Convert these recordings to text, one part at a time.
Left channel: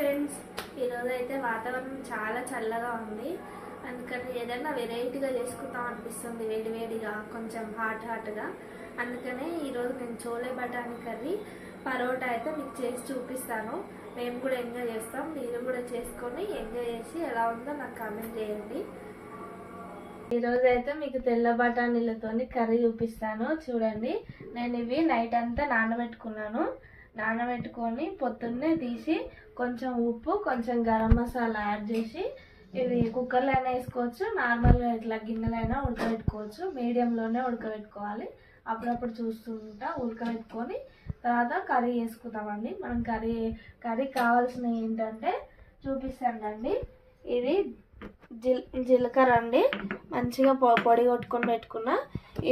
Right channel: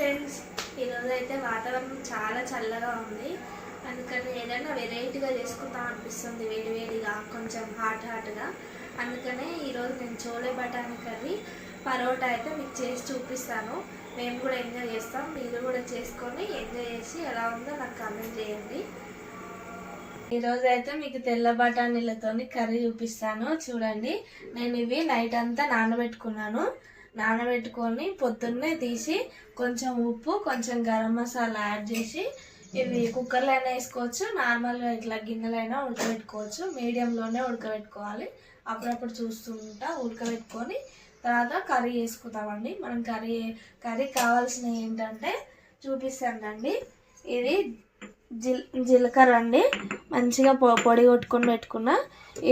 Friends, ఈరోజు అయితే వాతావరణం చాలా చల్లగా ఉంది. అందుకని ఏదైనా వెరైటీగా చేసుకుందాం అనిపిస్తుంది, వేడివేడిగా కొంచెం హాట్గా. అందుకనే ఈరోజు నేను చోలే బఠానీ కర్రీ పరోటా అయితే మీకు చేసి చూపిస్తాను. మేము కూడా ఎంజాయ్ చేస్తాం, మీరు కూడా చేసుకొని ఎంజాయ్ చేసి ఎలా ఉందో నాకు కామెంట్ చేయండి. ఈరోజు అయితే మీకు తెల్ల బఠానీలతో కర్రీ చూపిస్తాను. చూడండి, నేను ఇవి నైట్ అంతా నానబెట్టుకొని పొద్దున్నే తీసి కొంచెం ఉప్పు కొంచెం గరం మసాలా యాడ్ చేసి ఇవి కుక్కర్లో అయినా వేసుకోవచ్చు, నార్మల్గా ఇట్లా గిన్నెలైనా ఉడకబెట్టుకోవచ్చు. మీడియంలోనే ఉడకబెట్టుకోవాలి. అప్పుడప్పుడు చూస్తుంటా ఉడకబెట్టుకొని తర్వాత కర్రీ వేసుకుంటామండి. మనం కర్రీ కావాల్సినవి ఏంటంటే చూపిస్తానండి. ఇది జీలకర్ర అండి, మంచిగా పొడి కొట్టుకొని పెట్టుకున్నా.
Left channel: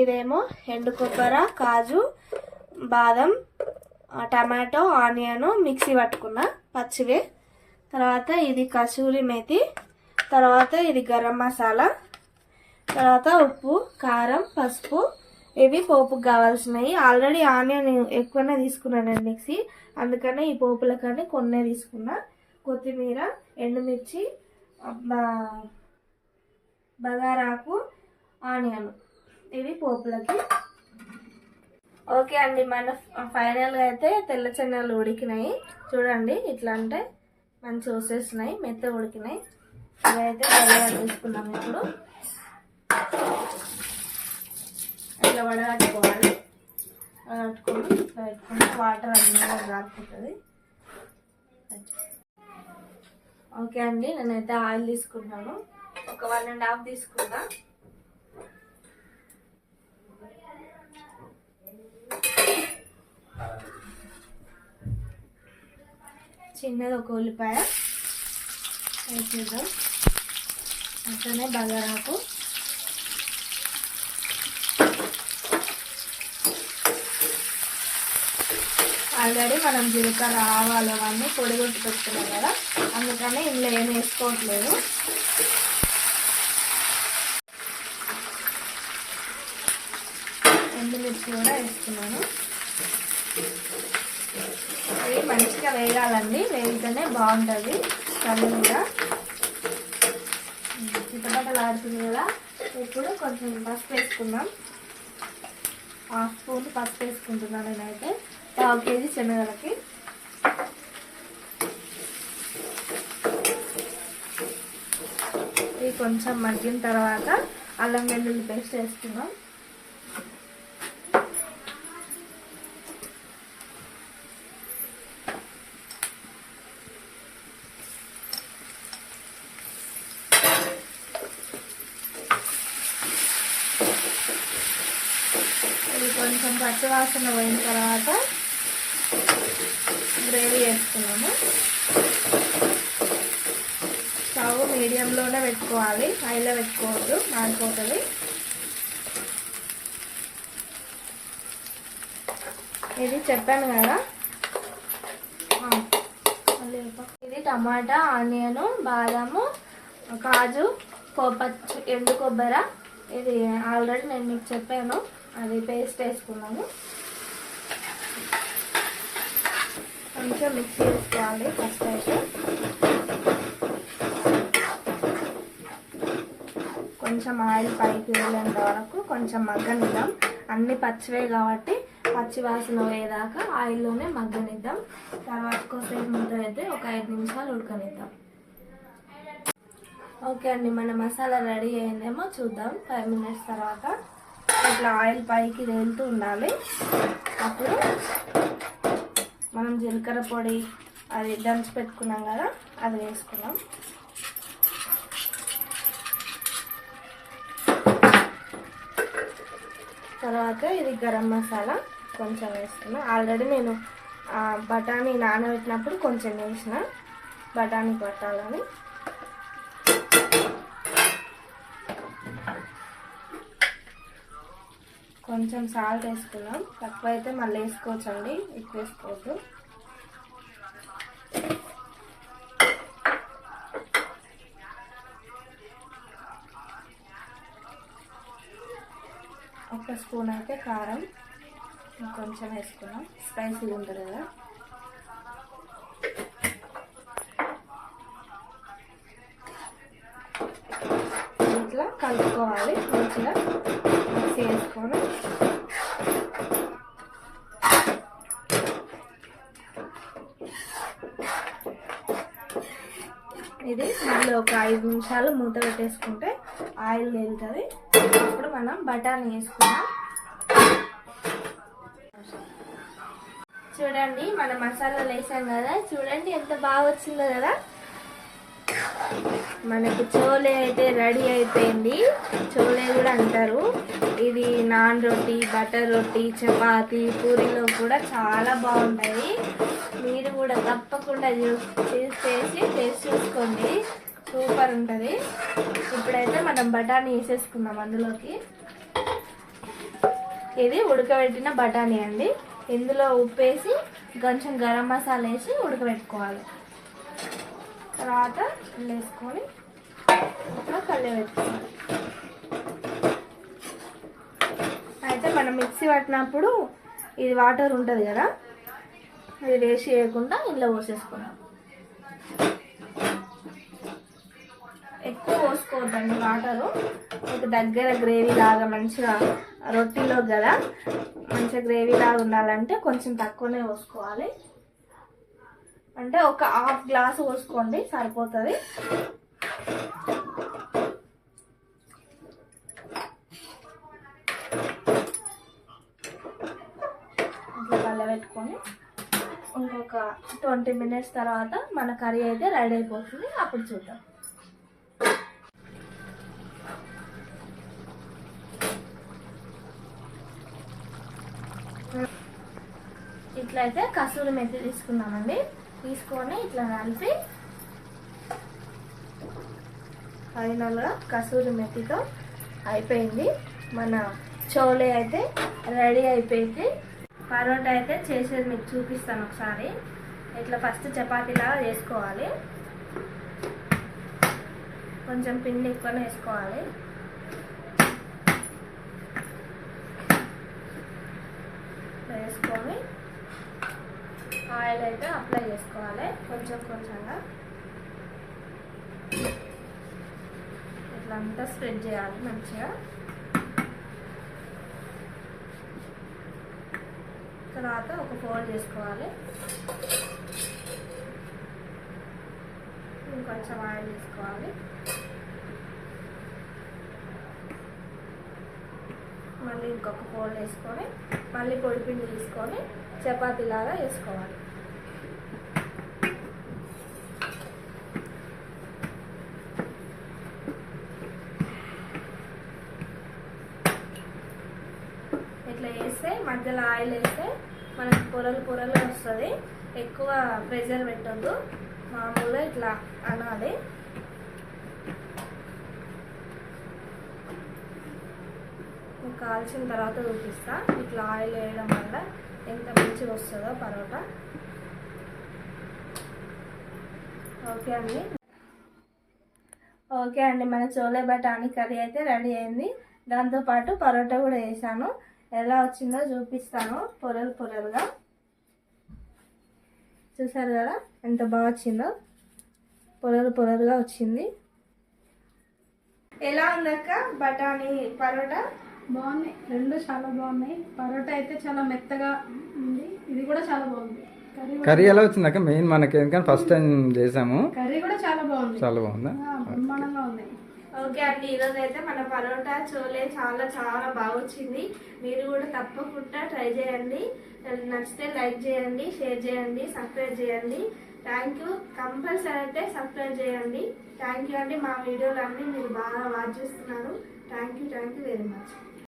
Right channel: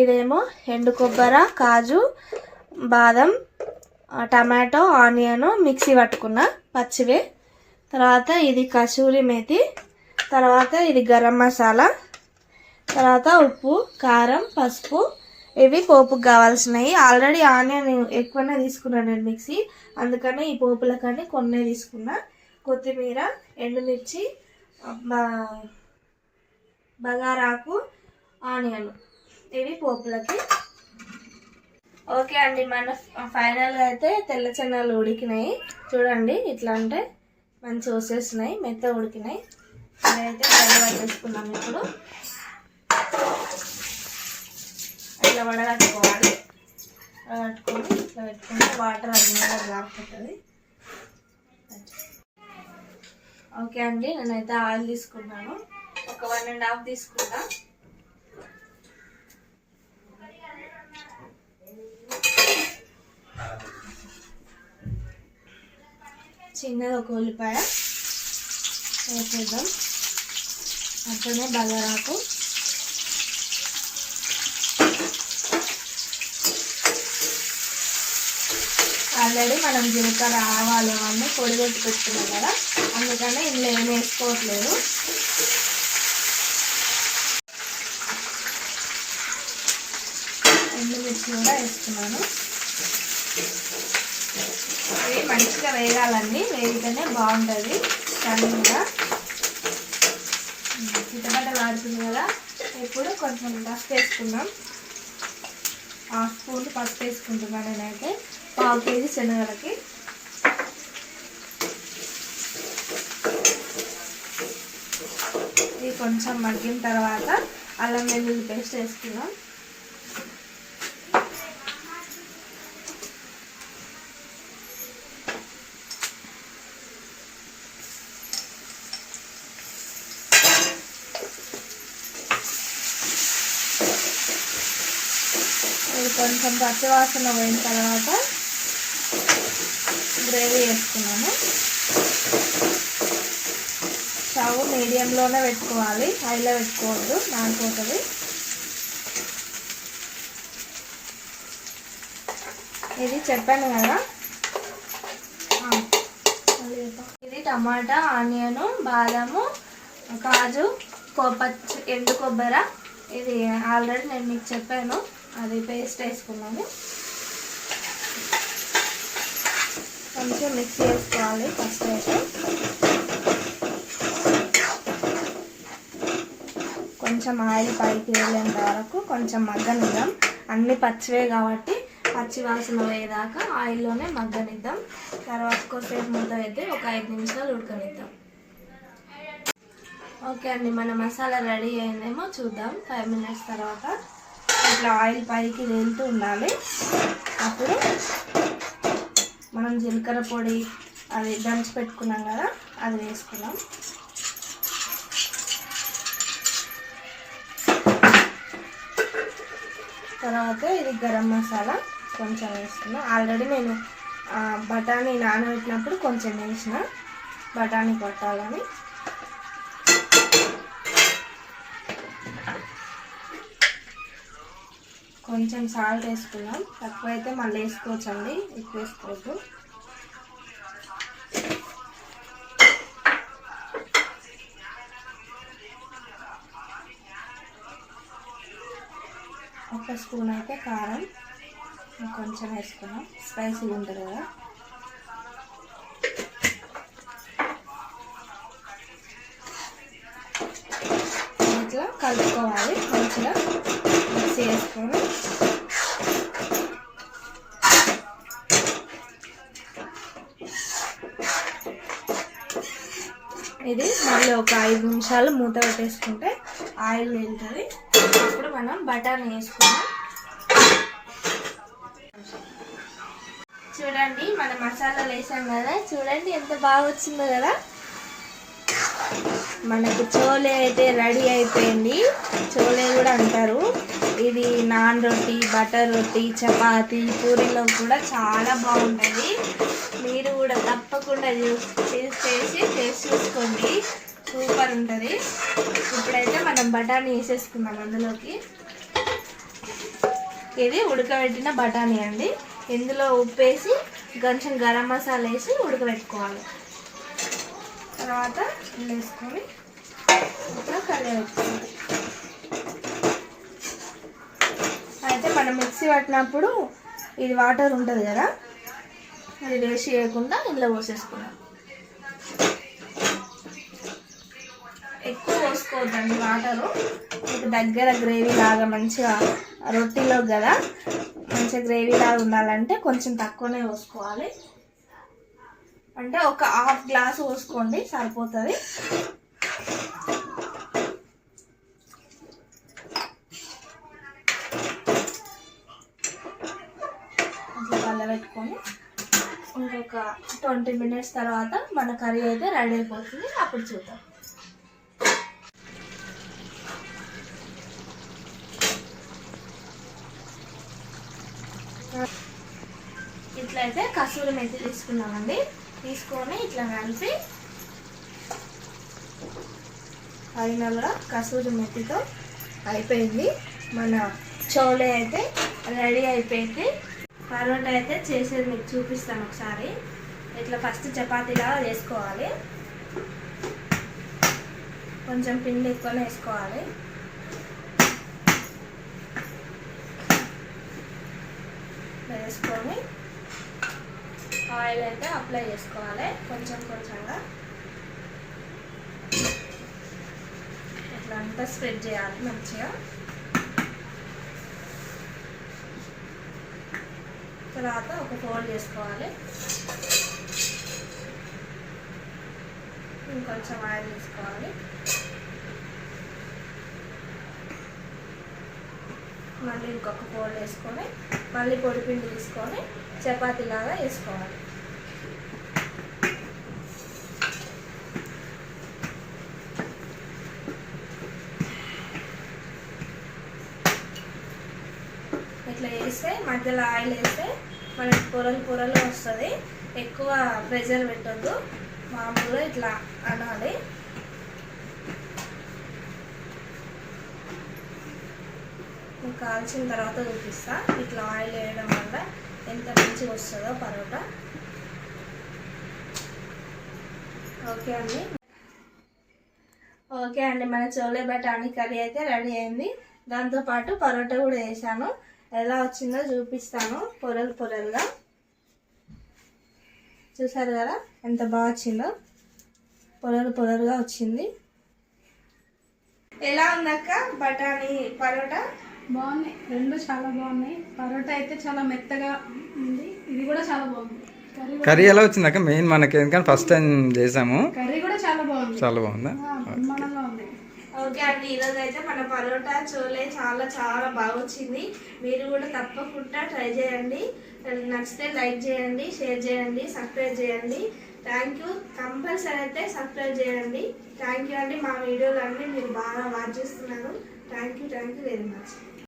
ఇదేమో ఎండు కొబ్బరి, కాజు, బాదం, టమాటో, ఆనియన్ మిక్సీ పట్టుకున్న పచ్చివే. తర్వాత ఇది కసూరి మేతి, తర్వాత ఇది గరం మసాలా, తర్వాత ఉప్పు, కారం, పసుపు. ఇవి పోపుకు కావాల్సినవి. ఆల్రెడీ ఆనియన్ ఎక్కువనే తీసుకున్నాను నేను మిక్సీ, అందుకనే ఈ పోపులకని కొన్నే తీసుకున్నా. కొత్తిమీర, ఎండుమిర్చి, బగారాకు, ఆనియన్, ఇవి పోపులకి. ఓకే అండి, మన ఫైనల్గా అయితే తెల్ల చెన్నలు ఉడికినాయి. చూడండి, ఇట్లా అంటే మంచి వచ్చేస్తున్నాయి, మెత్త ఉడికినాయి. ఇదైతే బయట వేసుకున్నాం. ఇప్పుడు ఇట్లా వడగట్టుకోవాలి. వడగట్టుకొని ఇట్లా పెట్టుకుంటే వాటర్ అది మీద రాకపోతుంది. ఓకే అండి, నేనైతే ఆయిల్ తీసుకున్నాను. ఒక 1.5 తీసుకున్నా. చిన్నది ఒక ఉల్లిపాయ వేసేద్దాం. అట్లనే బగారాకు, ఆల్రెడీ మనం జీలకర్ర, ఆవాలు అవన్నీ పొడి కొట్టి పెట్టుకున్నాం కదా, అందుకని ఇందులో ఏమి వేసుకోవట్లేదు. ఎండుమిర్చి కూడా వేసుకున్నాను. ఇవి మంచిగా వేగాలండి, వేగితేనే బాగుంటుంది కర్రీ కూడా. చిట్టపట్టలు ఆడుతుంది కదా. ఇప్పుడు కొంచెం పసుపు వేసుకున్నాం. 1/2 స్పూన్ పసుపు వేసుకుంటున్నాను నేనైతే 1/2 కేజీ శనగలకి. ఇది కొంచెం మగ్గిన తర్వాత అల్లం వెల్లుల్లి పేస్ట్ వేసుకున్నాం. ఇది కొంచెం పచ్చివాసన పోయిన తర్వాత గ్రేవీ వేసుకున్నాము. స్టవ్ మీడియంలోనే పెట్టుకోవాలి, హైలో పెట్టుకోవద్దు, మాడిపోతుంది. ఇది చెప్పాను కదా. ఇది టమాటా, ఆనియను, బాదము, కాజు, ఎండు కొబ్బరి. ఇది ఆల్రెడీ నేను మీకు చెప్పాను, అది పేస్ట్ వేసుకున్నాము. కొంచెం మిక్సీ వేసుకోవాలి ఫస్ట్ అయితే. కొంచెం ఆయిల్ పైకి వెళ్ళేంత వరకు కొంచెం మగ్గనిద్దాం. అన్నీ పచ్చివే కాబట్టి పచ్చి వాసన పోయేదాకా ఆయిల్లోనే మగ్గనిద్దాం. తర్వాత కొద్దిసేపు మూత అయితే ఒక 5 నిమిషాలు ఉడకనిద్దాం. ఓకే అండి, మన మసాలా రెడీ అయిందేమో చూద్దాం. 5 మినిట్స్ తర్వాత ఇట్లా ఆయిల్ పైకి తేలుతూ ఉండాలి. అప్పుడు మనం జీలకర్ర పొడి అది దంచి పెట్టుకున్నాం కదా, అది వేసుకున్నాం. తర్వాత ఇది గరం మసాలా కొంచెం వేసుకున్నాం. ఆల్రెడీ నేను బఠానీ నానబెట్టినప్పుడు కొంచెం వేసిన, బఠానీ పట్టాలని. కొంచెం సాల్ట్ వేసుకున్నాం. తక్కువ అయితే మళ్ళీ వేసుకోవచ్చండి, ఎక్కువ వేసుకోవద్దు. ఒక స్పూన్ అయితే కారం కొంచెం వేసుకున్నాం, స్పైసీగా ఉంటుంది కదా. కలుపుకోవాలి. మంచిగా మిక్స్ చేసుకొని ఇది మళ్ళీ ఒక 5 నిమిషాలు మూత పెట్టేసుకుంటే ఆయిల్ వెళ్తుంది. ఇప్పుడు మనం బఠానీ వేసుకుందాం. చూడండి మన మసాలాలు వేసాం కదా, చూడండి ఎంత బాగా వచ్చిందో కదా. మనకు చోలే అయితే రెడీ అయిపోయింది. చోలే కూడా అంటారు. ఇది నాన్ రొట్టి, బటర్ రొట్టి, చపాతి, పూరీలో కూడా చాలా బాగుంటుంది. మీరు కూడా తప్పకుండా చేసి టేస్ట్ చూసుకోండి, సూపర్ ఉంటుంది. ఇప్పుడైతే మనం బఠానీ వేసేసుకుందాం అందులోకి. ఇది ఉడకబెట్టిన బఠానీ అండి. ఇందులో ఉప్పు వేసి కొంచెం గరం మసాలా వేసి ఉడకబెట్టుకోవాలి. తర్వాత వేసుకొని ఇట్లా కలిపెట్టుకోవాలి. అయితే మనం మిక్సీ పట్టినప్పుడు ఇది వాటర్ ఉంటుంది కదా, అది వేసి వేయకుండా ఇందులో పోసేసుకున్నాం. ఎక్కువ పోసుకోవద్దండి వాటరు. మీకు దగ్గర గ్రేవీ లాగా మంచిగా రొట్టిలో కదా మంచిగా గ్రేవీ లాగా ఉండాలంటే కొంచెం తక్కువనే పోసుకోవాలి. అంటే ఒక 1/2 గ్లాసు పోసుకోండి సరిపోతుంది. ఇట్లా కలబెట్టుకొని ఇంకొక 20 మినిట్స్ తర్వాత మన కర్రీ అయితే రెడీ అయిపోతుంది. అప్పుడు చూద్దాం. ఇట్లయితే కసూరి మెతి తీసుకున్నామండి. తీసుకొని ఇట్లా కలిపి ఫైనల్గా కసూరి మెతితో అయిపోయింది. మన చోలే అయితే రెడీ అయిపోయింది. పరోటా అయితే చేసేది మీకు చూపిస్తాను ఒకసారి. ఇట్లా ఫస్ట్ చపాతీలాగా వేసుకోవాలి. కొంచెం పిండి ఎక్కువనే వేసుకోవాలి. వేసుకొని ఆయిల్ అయితే అప్లై చేసుకోవాలి కొంచెం కొంచెంగా. ఇట్లా అంతా స్ప్రెడ్ చేయాలి మంచిగా. తర్వాత ఒక ఫోల్డ్ చేసుకోవాలి. ఇంకొంచెం ఆయిల్ తీసుకోవాలి. మళ్ళీ ఇంకొక ఫోల్డ్ వేసుకొని మళ్ళీ పొడిపిండి తీసుకొని చపాతీలాగా వేసుకోవాలి. ఇట్లా వేస్తే మధ్యలో ఆయిల్ వేస్తే మనకి పొరలు పొరలు వస్తుంది. ఎక్కువ ప్రెషర్ పెట్టొద్దు, మామూలుగా ఇట్లా అనాలి. కాల్చిన తర్వాత చూపిస్తా. ఇట్లా ఆయిల్ వేయడం వల్ల ఎంత మంచిగా వస్తుందో పరోటా. ఓకే అండి మన చోలే బఠానీ కర్రీ అయితే రెడీ అయింది. దాంతోపాటు పరోటా కూడా వేసాను. ఎలా వచ్చిందో చూపిస్తాను. పొరలు పొరలుగా చూసారు కదా ఎంత బాగా వచ్చిందో. పొరలు పొరలుగా వచ్చింది. ఎలా ఉందక్క బఠానీ పరోటా? బాగున్నాయి, రెండు చాలా బాగున్నాయి. పరోటా అయితే చాలా మెత్తగా ఉంది. ఇది కూడా చాలా బాగుంది. కర్రీ ఎలా వచ్చింది అక్క? మెయిన్ మనకి ఎందుకంటే ఫస్ట్ టైం చేసాము. కర్రీ కూడా చాలా బాగుంది. చాలా బాగుందా? బ్రహ్మాండంగా ఉంది. ఓకే అండి, ఈరోజు అయితే మన పరోటా చోలే చాలా చాలా బాగా వచ్చింది. మీరు కూడా తప్పకుండా ట్రై చేయండి. నచ్చితే లైక్ చేయండి, షేర్ చేయండి, సబ్స్క్రైబ్ చేయండి. Thank you. కంపల్సరీ అయితే సబ్స్క్రైబ్ చేయండి. థ్యాంక్ యూ అండి. మా వీడియోలు అన్నీ మీరు బాగా వాచ్ చేస్తున్నారు. Thank you very much.